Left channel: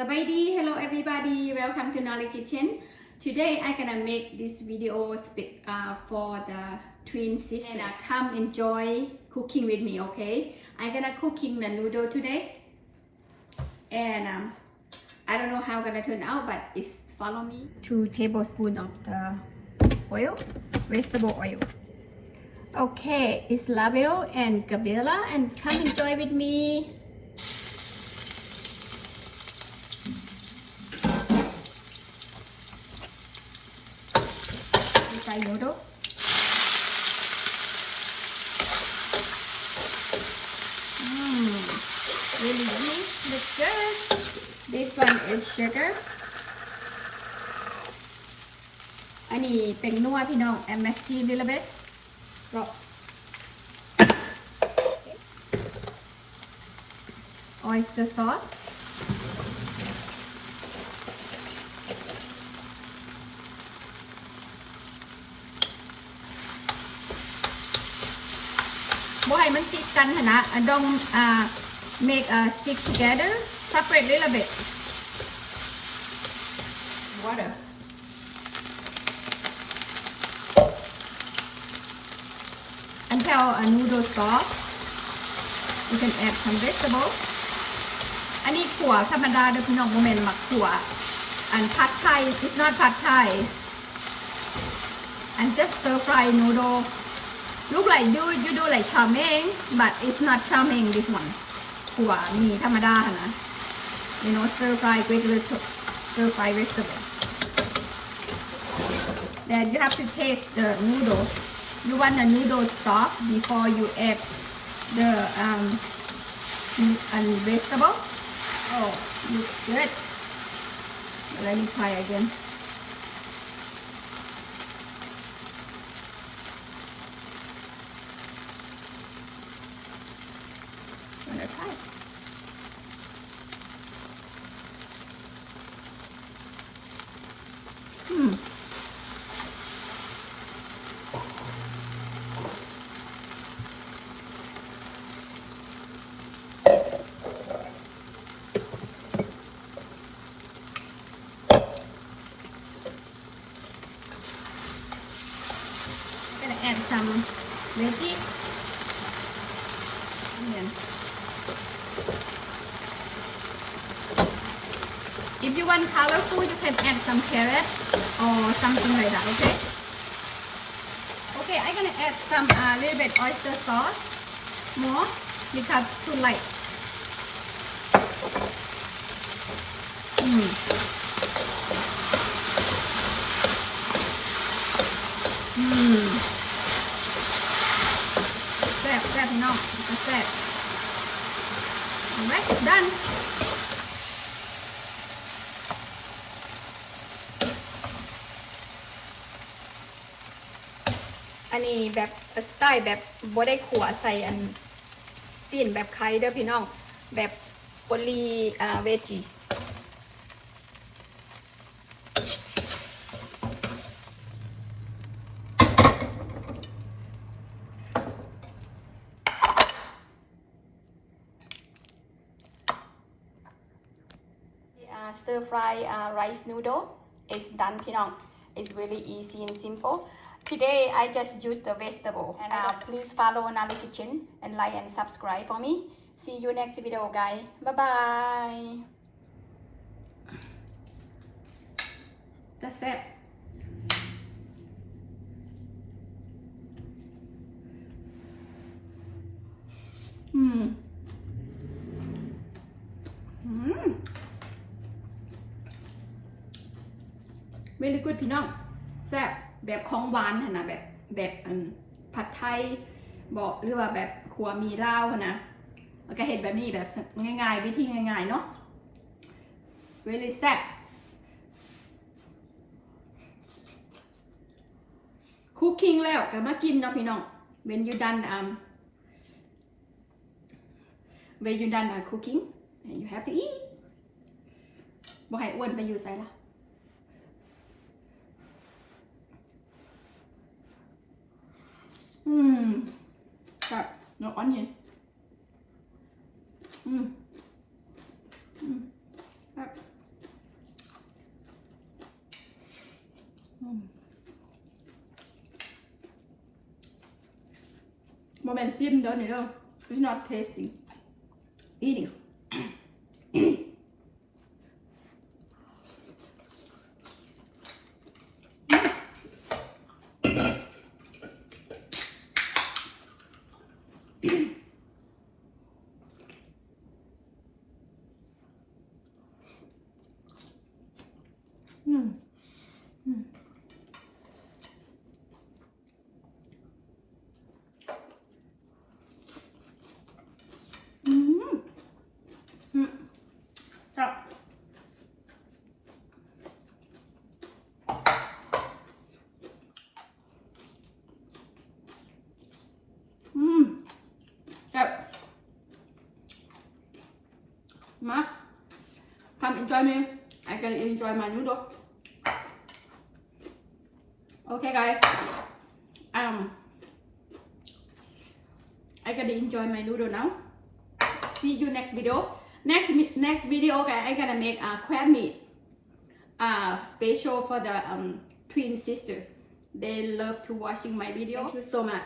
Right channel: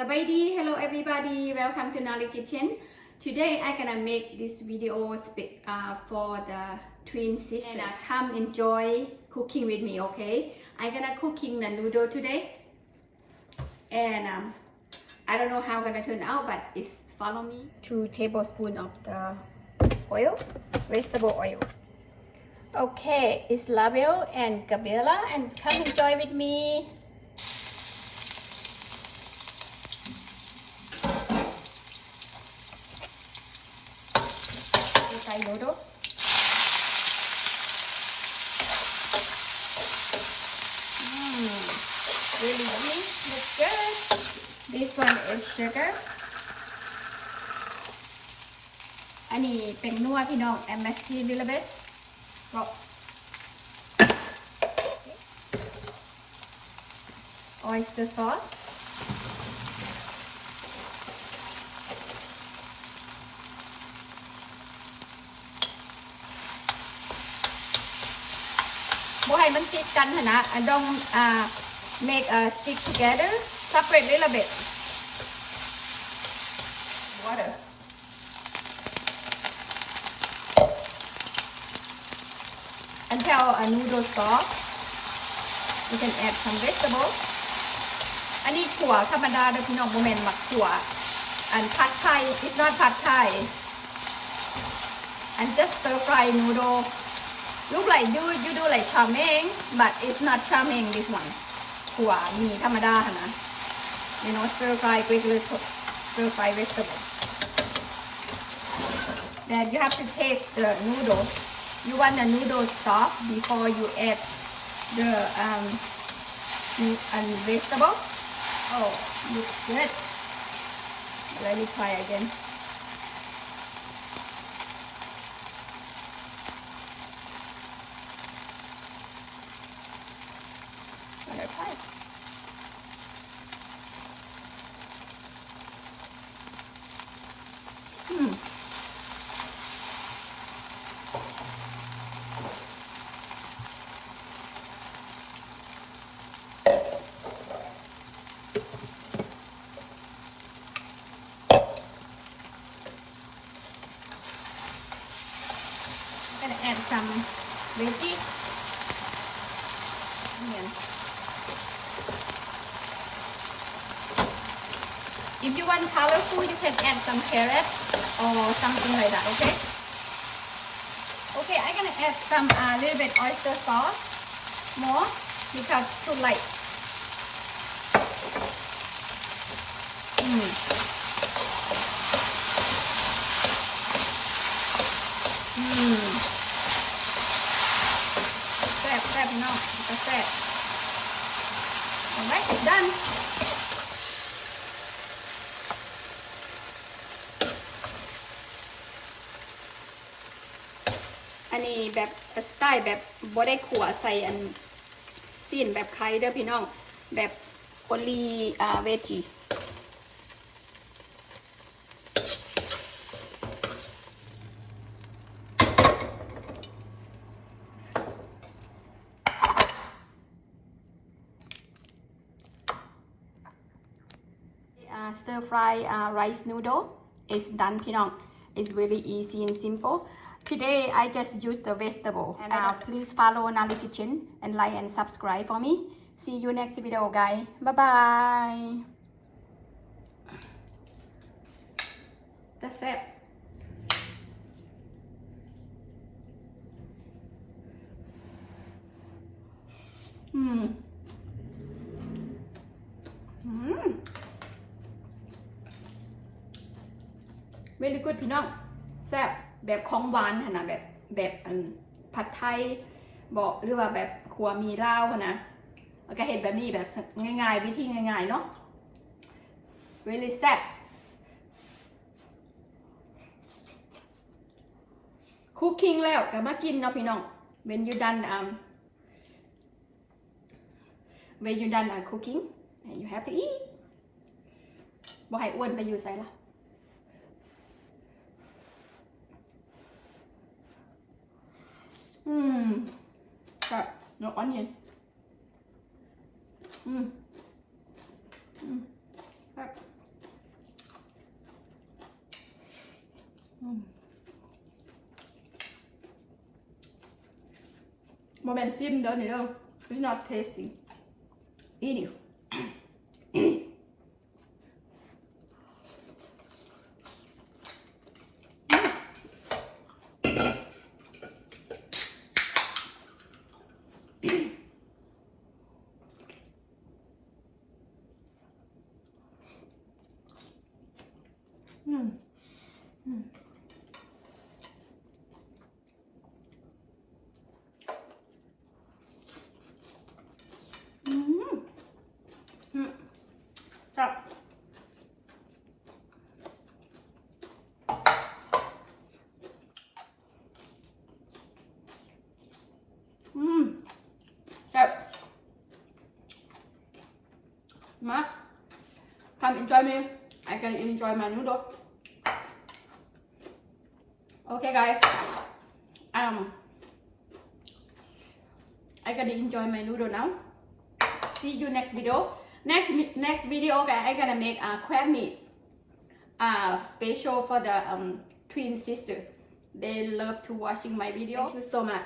Sabadi, hello everybody, welcome to Nolly Kitchen. Today I'm gonna make this video for the twin sisters. And come enjoy cooking with me, okay? I'm gonna cooking the noodle today. And I don't know how it's gonna turn out, but it's follow me. 2 tablespoons of the oil, vegetable oil. Okay, it's label and Gabriela, and come enjoy with me. Noodle. Really yummy. Looks good. This one is sugar. อันนี้เป็นนัวพี่น้อง MSG little bit. So, oyster sauce. Bố hay mình keepกันนะ don't make a stick together, separate little bit. Water. Until a noodle soft, you can add some vegetables. อันนี้ขั่วธรรมดาเด้อพี่น้องโมเมนต์มักขั่วอันผัดไทย it's not ผัดไทย and just stir fry noodle. Look like you do like charming, but it's not charming this one. ขั่วมีธรรมดานะ you know stir fry with little stir fry vegetable. Then you have to taste the noodle. You want the noodle soft before you add the vegetable. Oh, looks good. Let me try again. Add some veggies. If you want colorful, you can add some carrots or something like that. Okay. Okay, I'm gonna add some little bit oyster sauce more because too light. Set now. Set. Alright, done. อันนี้แบบสไตล์แบบบ่ได้ขั่วใส่อันซีนแบบไข่เด้อพี่น้องแบบโอลีเวจีstir fry rice noodle is done พี่น้อง it's really easy and simple. Today I just use the vegetable and please follow Nolly Kitchen and like and subscribe for me. See you next video guys. Bye bye. That's it. Very good พี่น้องแซ่บแบบของหวานนะแบบผัดไทยบอกหรือว่าแบบขัวมีลาวนะแล้วก็เห็นแบบนี้แบบง่ายๆวิธีง่ายๆเนาะ really แซ่บ cooking แล้วก็มากินเนาะพี่น้อง when you done cooking and you have to eat บ่ให้อ้วนไปอยู่ไสล่ะGot no onion. moment sim don't you know? It's not tasty. Eating. Ma, come enjoy me. I can enjoy my noodle. Okay, guys. I can enjoy my noodle now. See you next video. Next video, guys, I gonna make a crab meat. Special for the twin sister. They love to watching my video. Thank you so much.